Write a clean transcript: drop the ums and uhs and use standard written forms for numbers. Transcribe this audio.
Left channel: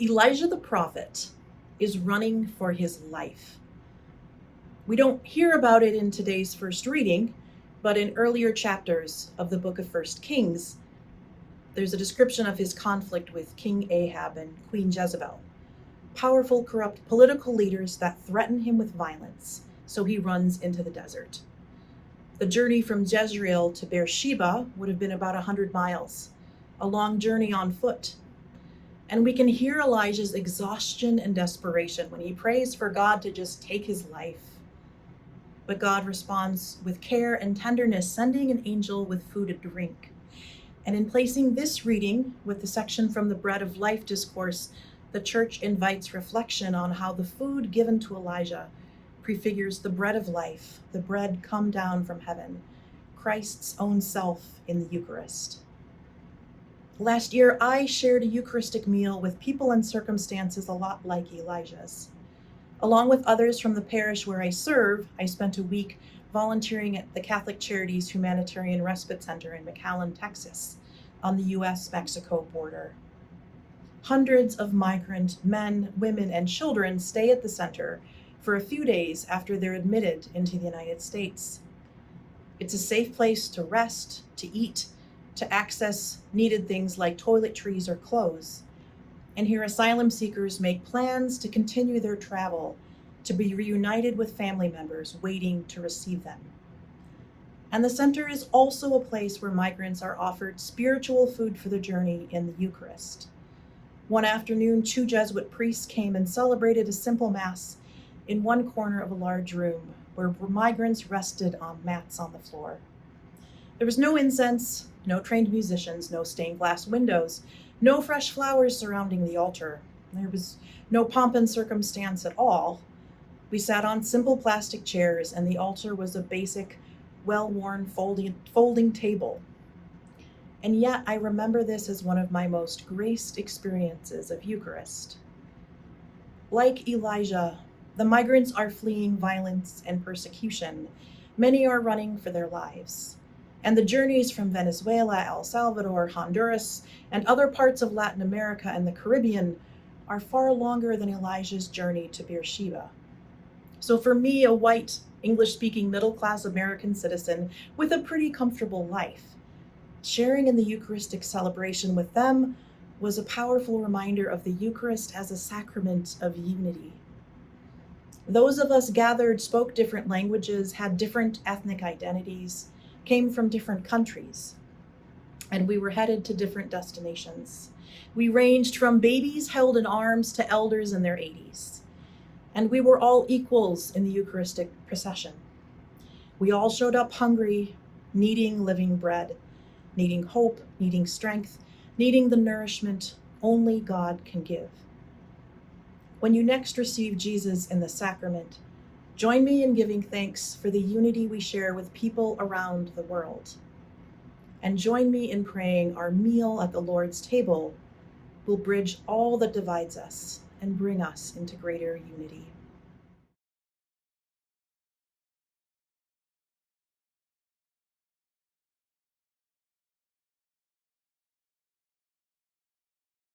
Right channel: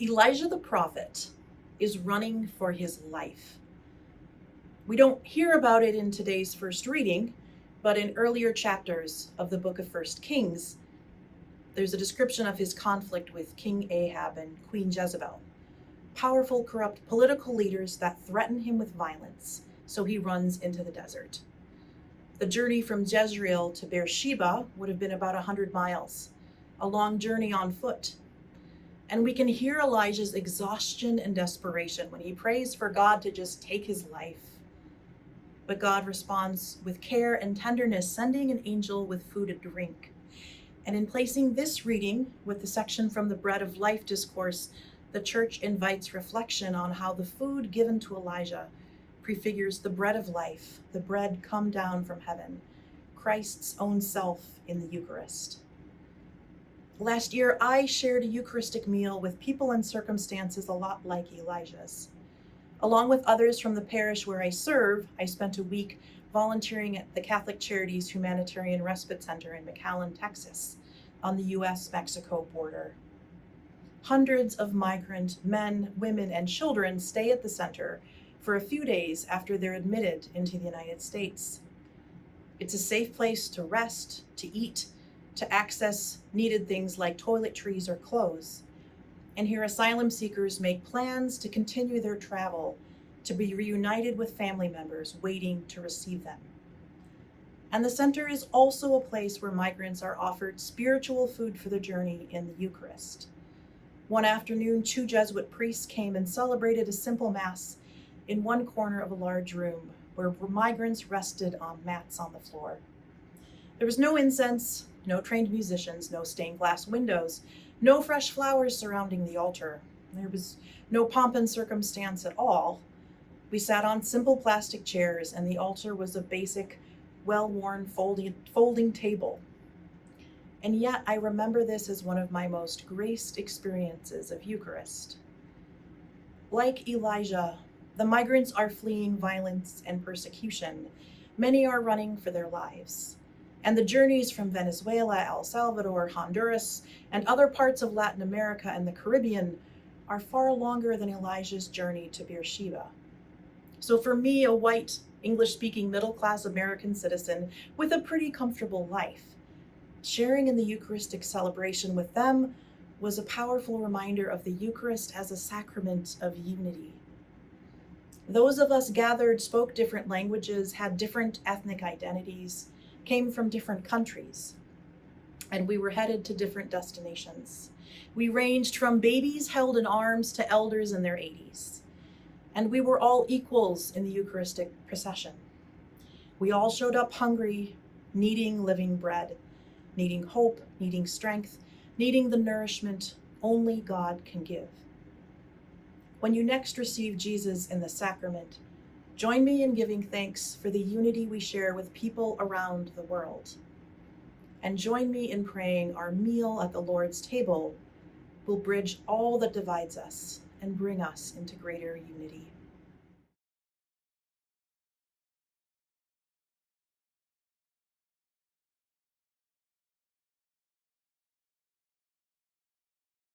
Elijah the prophet is running for his life. We don't hear about it in today's first reading, but in earlier chapters of the book of First Kings, there's a description of his conflict with King Ahab and Queen Jezebel, powerful, corrupt political leaders that threaten him with violence, so he runs into the desert. The journey from Jezreel to Beersheba would have been about 100 miles, a long journey on foot. And we can hear Elijah's exhaustion and desperation when he prays for God to just take his life. But God responds with care and tenderness, sending an angel with food and drink. And in placing this reading with the section from the Bread of Life discourse, the church invites reflection on how the food given to Elijah prefigures the bread of life, the bread come down from heaven, Christ's own self in the Eucharist. Last year, I shared a Eucharistic meal with people and circumstances a lot like Elijah's. Along with others from the parish where I serve, I spent a week volunteering at the Catholic Charities Humanitarian Respite Center in McAllen, Texas, on the US-Mexico border. Hundreds of migrant men, women, and children stay at the center for a few days after they're admitted into the United States. It's a safe place to rest, to eat, to access needed things like toiletries or clothes. And here asylum seekers make plans to continue their travel, to be reunited with family members waiting to receive them. And the center is also a place where migrants are offered spiritual food for the journey in the Eucharist. One afternoon, 2 Jesuit priests came and celebrated a simple mass in one corner of a large room where migrants rested on mats on the floor. There was no incense, no trained musicians, no stained glass windows, no fresh flowers surrounding the altar. There was no pomp and circumstance at all. We sat on simple plastic chairs, and the altar was a basic, well-worn folding table. And yet I remember this as one of my most graced experiences of Eucharist. Like Elijah, the migrants are fleeing violence and persecution. Many are running for their lives. And the journeys from Venezuela, El Salvador, Honduras, and other parts of Latin America and the Caribbean are far longer than Elijah's journey to Beersheba. So for me, a white, English-speaking, middle-class American citizen with a pretty comfortable life, sharing in the Eucharistic celebration with them was a powerful reminder of the Eucharist as a sacrament of unity. Those of us gathered spoke different languages, had different ethnic identities, came from different countries, and we were headed to different destinations. We ranged from babies held in arms to elders in their 80s, and we were all equals in the Eucharistic procession. We all showed up hungry, needing living bread, needing hope, needing strength, needing the nourishment only God can give. When you next receive Jesus in the sacrament, join me in giving thanks for the unity we share with people around the world. And join me in praying our meal at the Lord's table will bridge all that divides us and bring us into greater unity.